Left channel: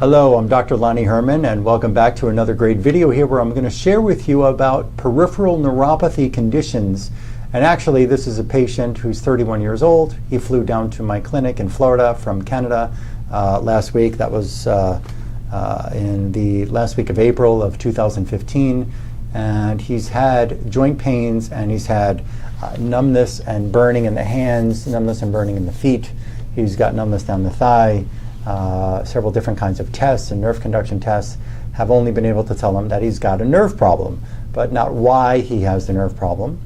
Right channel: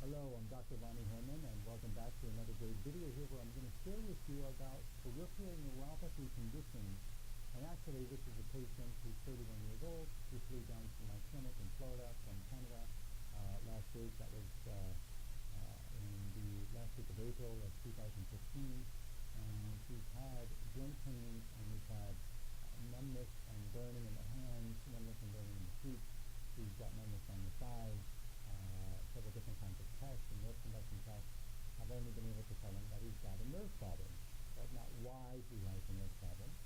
Hello, I'm Dr. Lonnie Herman, and welcome back to another great video here where I'm going to share with you about peripheral neuropathy conditions. And actually, this is a patient who's 31 years old. He flew down to my clinic in Florida from Canada last week. That was in the last week of April of 2015. And he's had joint pains, and he's had numbness and burning in the hands, numbness and burning in the feet. He's got numbness down the thigh. Several different kinds of tests and nerve conduction tests have only been able to tell him that he's got a nerve problem, but not why he has the nerve problem.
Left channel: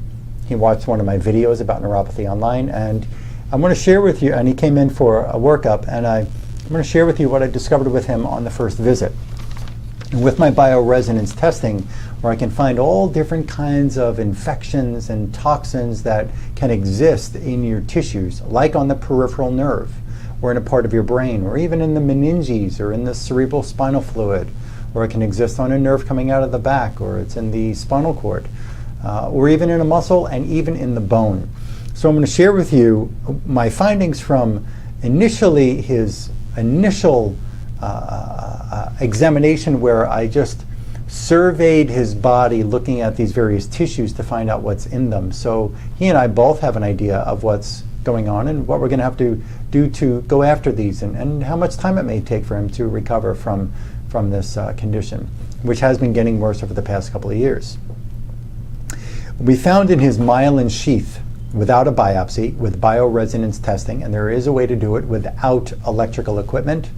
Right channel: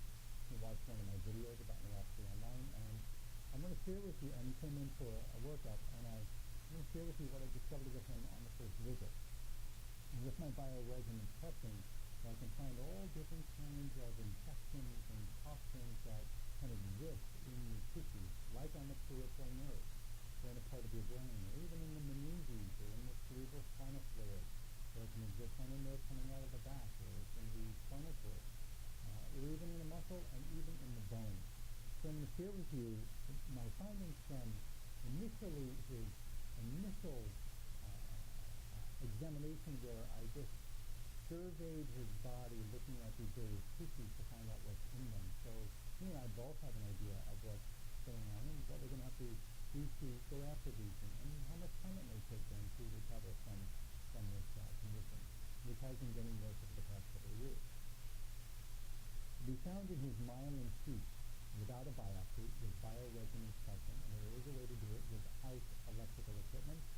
He watched one of my videos about neuropathy online, and I'm going to share with you, and he came in for a workup, and I'm going to share with you what I discovered with him on the first visit. And with my bioresonance testing, where I can find all different kinds of infections and toxins that can exist in your tissues, like on the peripheral nerve, or in a part of your brain, or even in the meninges, or in the cerebral spinal fluid, or it can exist on a nerve coming out of the back, or it's in the spinal cord, or even in a muscle, and even in the bone. So I'm going to share with you my findings from initially his initial examination, where I just surveyed his body looking at these various tissues to find out what's in them. So he and I both have an idea of what's going on and what we're going to have to do to go after these, and how much time it may take for him to recover from this condition, which has been getting worse over the past couple of years. We found in his myelin sheath, without a biopsy, with bioresonance testing, and there is a way to do it without electrical equipment.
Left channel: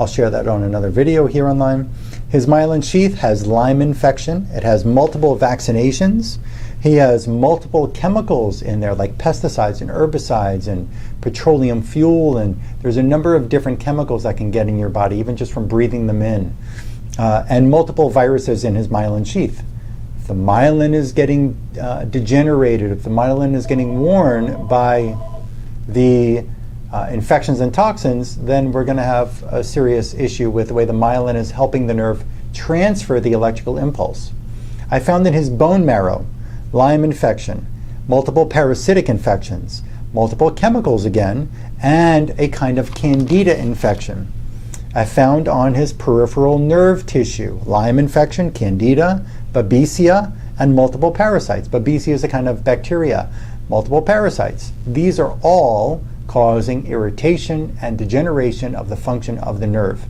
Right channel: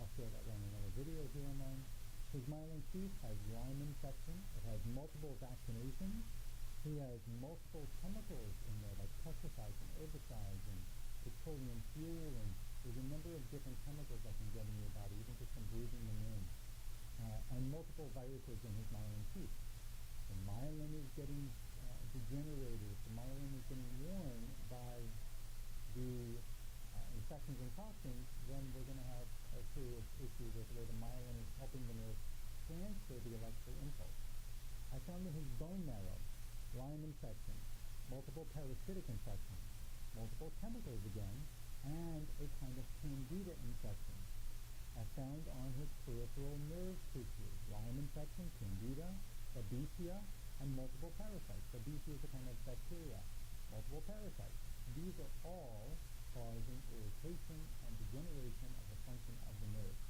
I'll share that on another video here online. His myelin sheath has Lyme infection. It has multiple vaccinations. He has multiple chemicals in there, like pesticides and herbicides and petroleum fuel, and there's a number of different chemicals that can get in your body, even just from breathing them in, and multiple viruses in his myelin sheath. If the myelin is getting degenerated, if the myelin is getting worn by the infections and toxins, then we're going to have a serious issue with the way the myelin is helping the nerve transfer the electrical impulse. I found in his bone marrow Lyme infection, multiple parasitic infections, multiple chemicals again, and a kind of candida infection. I found on his peripheral nerve tissue Lyme infection, candida, babesia, and multiple parasites. Babesia is a kind of bacteria, multiple parasites. These are all causing irritation and degeneration of the function of the nerve.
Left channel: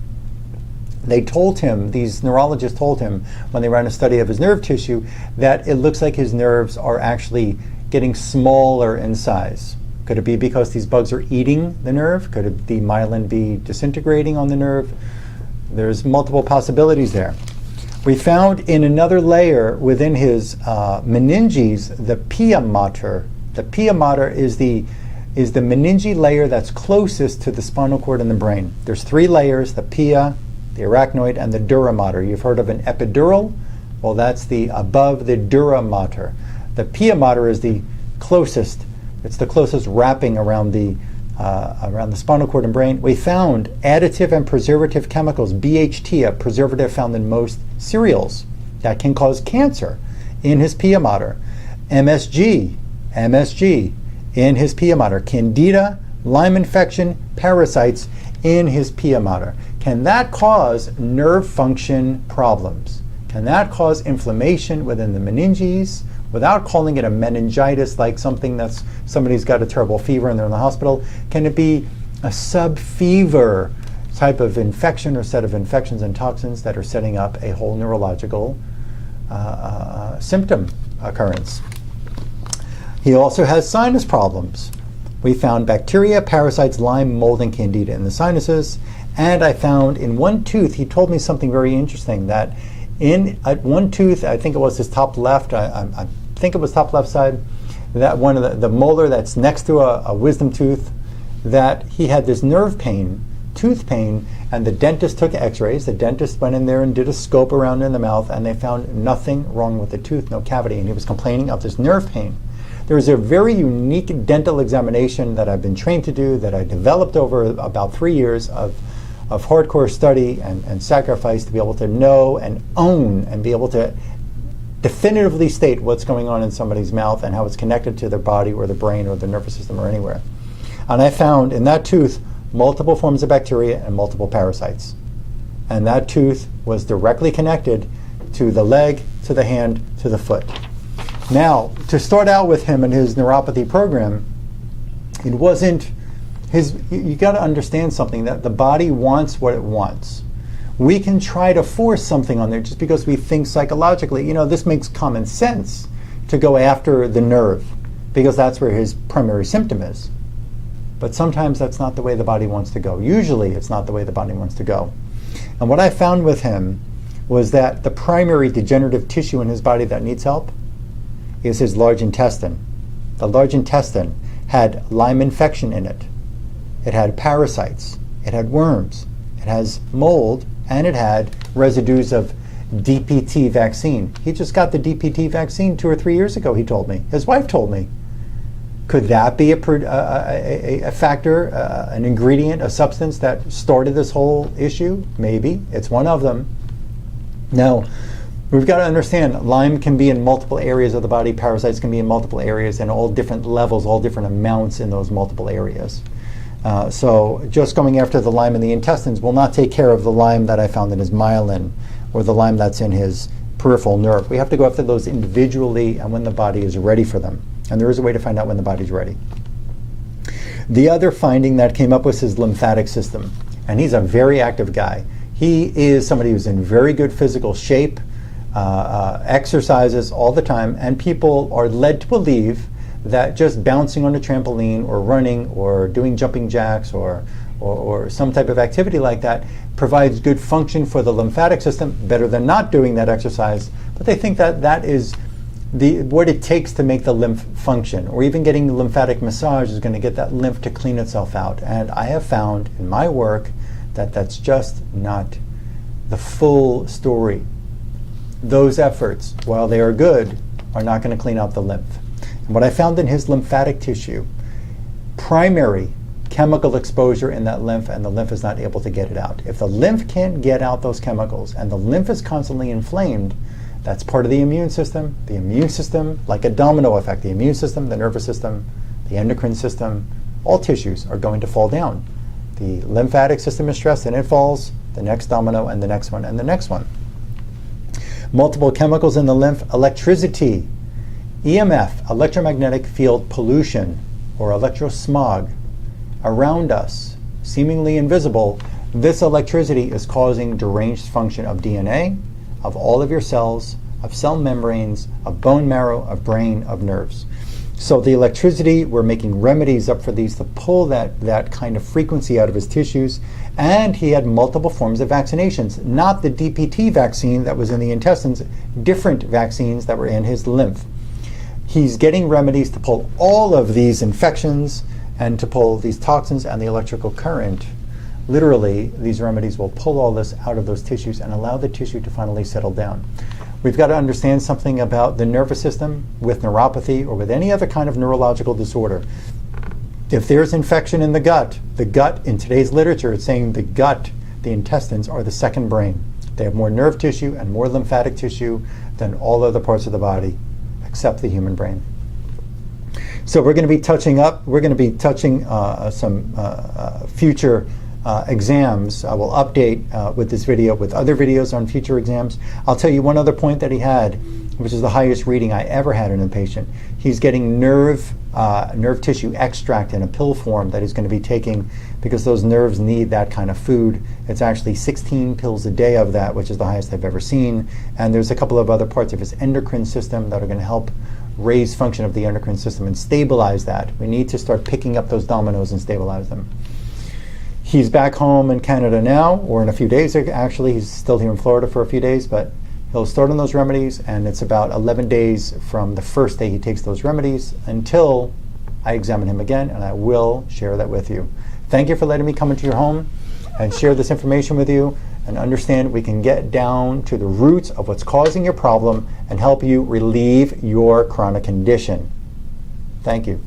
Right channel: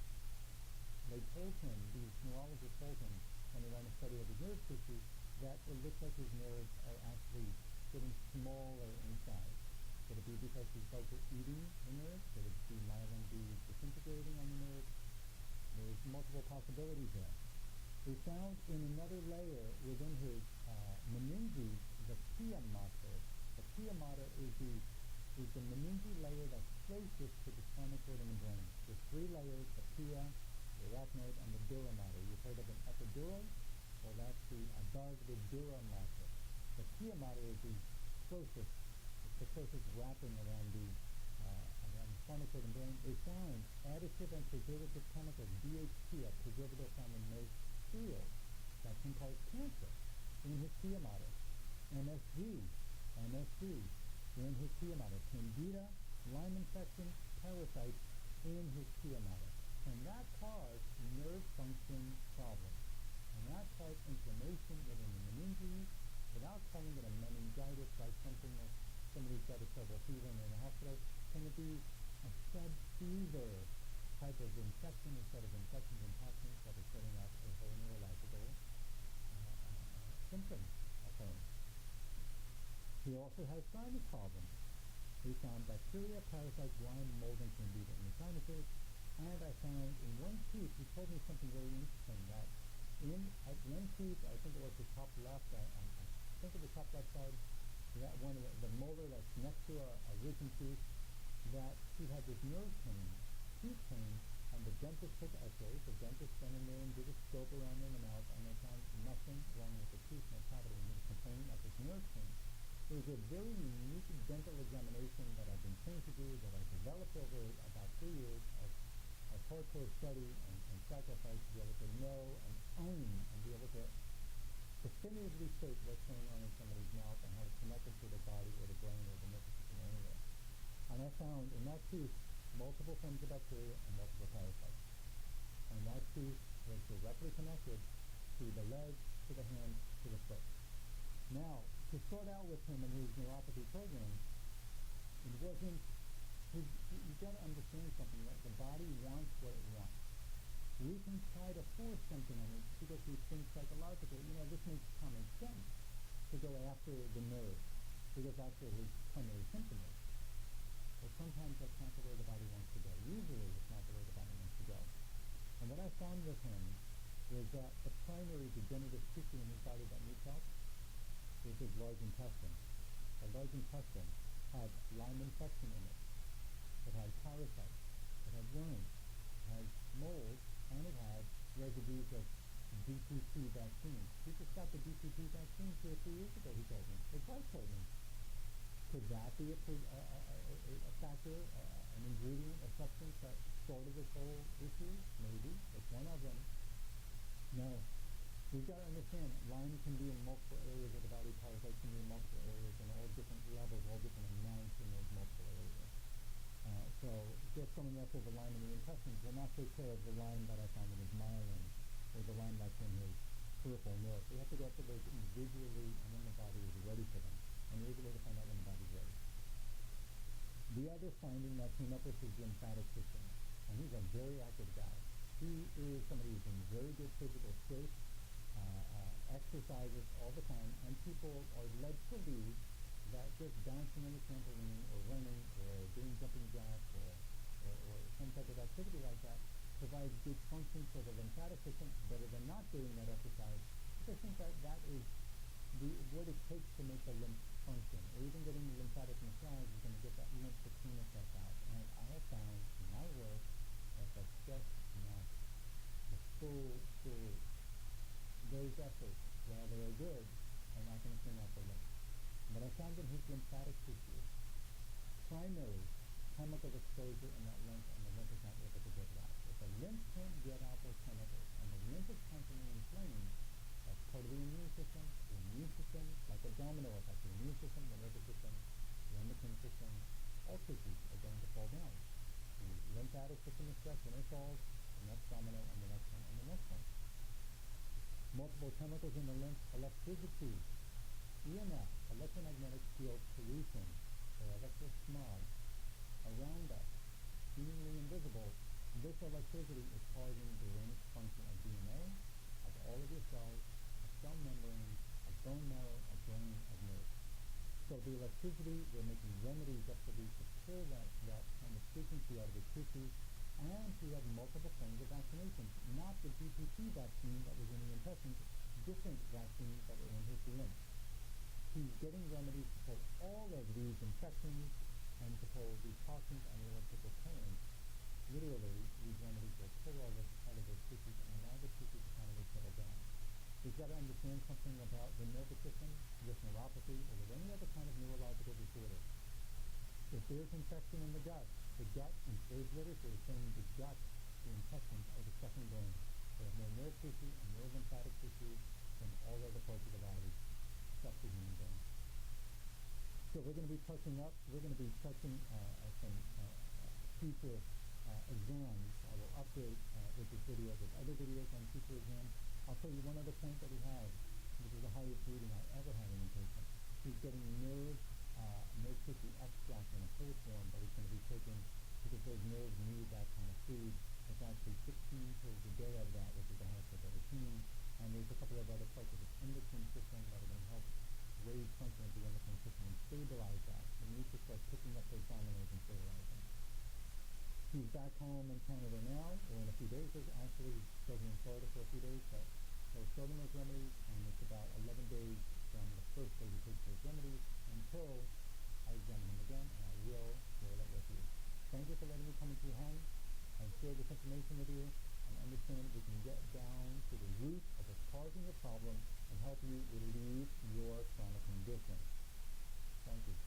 They told him, these neurologists told him when they ran a study of his nerve tissue, that it looks like his nerves are actually getting smaller in size. Could it be because these bugs are eating the nerve? Could the myelin be disintegrating on the nerve? There's multiple possibilities there. We found in another layer within his meninges the pia mater. The pia mater is the meninge layer that's closest to the spinal cord in the brain. There's three layers: the pia, the arachnoid, and the dura mater. You've heard of an epidural? Well, that's the above the dura mater. The pia mater is the closest. It's the closest wrapping around the spinal cord and brain. We found additive and preservative chemicals, BHT, a preservative found in most cereals that can cause cancer, in his pia mater. MSG in his pia mater. Candida, Lyme infection, parasites in his pia mater. Can that cause nerve function problems? Can that cause inflammation within the meninges without calling it a meningitis, like somebody's got a terrible fever and they're in the hospital? Can it be a subfever type of infection or set of infections and toxins that are setting up a whole neurological symptom occurrence? He also has sinus problems. We found bacteria, parasites, Lyme, mold, and candida in the sinuses. And I found in one tooth, he told me something very interesting, that at one tooth, I think it was his top left, I think it was top left side, that one of the molar that's next to a wisdom tooth, that he had this nerve pain, tooth pain, and the dentist took x-rays. The dentist went in there and did a scope around in the mouth, and they found nothing wrong with the tooth, no cavity, and he was complaining of this nerve pain. There is a very unique dental examination that I've been trained to do, that I developed over about 3 years of hardcore study and sacrifice to be able to know and own and be able to definitively state what's going on in somebody's mouth and how it's connected to their body or the brain or the nervous system or anywhere. And I found in that tooth multiple forms of bacteria and multiple parasites. and that tooth was directly connected to the leg, to the hand, to the foot. Now, to start out with him and his neuropathy program, it wasn't his, you got to understand something, that the body wants what it wants. We can try to force something on there just because we think psychologically, you know, this makes common sense to go after the nerve because that's where his primary symptom is. But sometimes that's not the way the body wants to go. Usually it's not the way the body wants to go. And what I found with him was that the primary degenerative tissue in his body that needs help is his large intestine. The large intestine had Lyme infection in it. It had parasites. It had worms. It has mold, and it had residues of DPT vaccine. He just got the DPT vaccine 2 or 3 years ago, he told me. His wife told me. Could that be a factor, an ingredient, a substance that started this whole issue? Maybe. It's one of them. Now, we've got to understand Lyme can be in multiple areas of the body. Parasites can be in multiple areas and all different levels, all different amounts in those multiple areas. So just going after the Lyme in the intestines will not take care of the Lyme that I found in his myelin or the Lyme that's in his peripheral nerve. We have to go after those individually and when the body is ready for them. And there is a way to find out when the body's ready. The other finding that came up was his lymphatic system. And he's a very active guy. He is somebody who's in very good physical shape, exercises all the time, and people are led to believe that just bouncing on a trampoline or running or doing jumping jacks or some type of activity like that provides good function for the lymphatic system, better than not doing that exercise. But they think that that is what it takes to make the lymph function, or even getting lymphatic massage is going to get that lymph to clean itself out. And I have found in my work that that's just not the full story. Those efforts, while they are good, are not going to clean out the lymph. And what I found in his lymphatic tissue, primary chemical exposure in that lymph, and the lymph is not able to get it out. If the lymph can't get out those chemicals and the lymph is constantly inflamed, that's part of the immune system. The immune system, like a domino effect, the immune system, the nervous system, the endocrine system, all tissues are going to fall down. The lymphatic system is stressed and it falls, the next domino and the next one and the next one. Multiple chemicals in the lymph, electricity, EMF, electromagnetic field pollution, or electrosmog around us, seemingly invisible. This electricity is causing deranged function of DNA, of all of your cells, of cell membranes, of bone marrow, of brain, of nerves. So the electricity, we're making remedies up for these to pull that kind of frequency out of his tissues. And he had multiple forms of vaccinations, not the DPT vaccine that was in the intestines, different vaccines that were in his lymph. He's getting remedies to pull all of these infections and to pull these toxins and the electrical current. Literally, these remedies will pull all this out of those tissues and allow the tissue to finally settle down. We've got to understand something about the nervous system with neuropathy or with any other kind of neurological disorder. If there's infection in the gut in today's literature, it's saying the gut, the intestines, are the second brain. They have more nerve tissue and more lymphatic tissue than all other parts of the body, except the human brain. So we're going to be touching some future exams. I will update with this video with other videos on future exams. I'll tell you one other point that he had, which is the highest reading I ever had in a patient. He's getting nerve tissue extract in a pill form that he's going to be taking because those nerves need that kind of food. It's actually 16 pills a day of that, which is the highest I've ever seen. And there's a couple of other parts of his endocrine system that are going to help raise function of the endocrine system and stabilize that. We need to start picking up those dominoes and stabilize them. He's back home in Canada now, or in a few days actually. He's still here in Florida for a few days, but he'll start on those remedies, and it's about 11 days from the first day he takes those remedies until I examine him again, and I will share that with you. Thank you for letting me come into your home and share this information with you and understand we can get down to the roots of what's causing your problem and help you relieve your chronic condition. Thank you.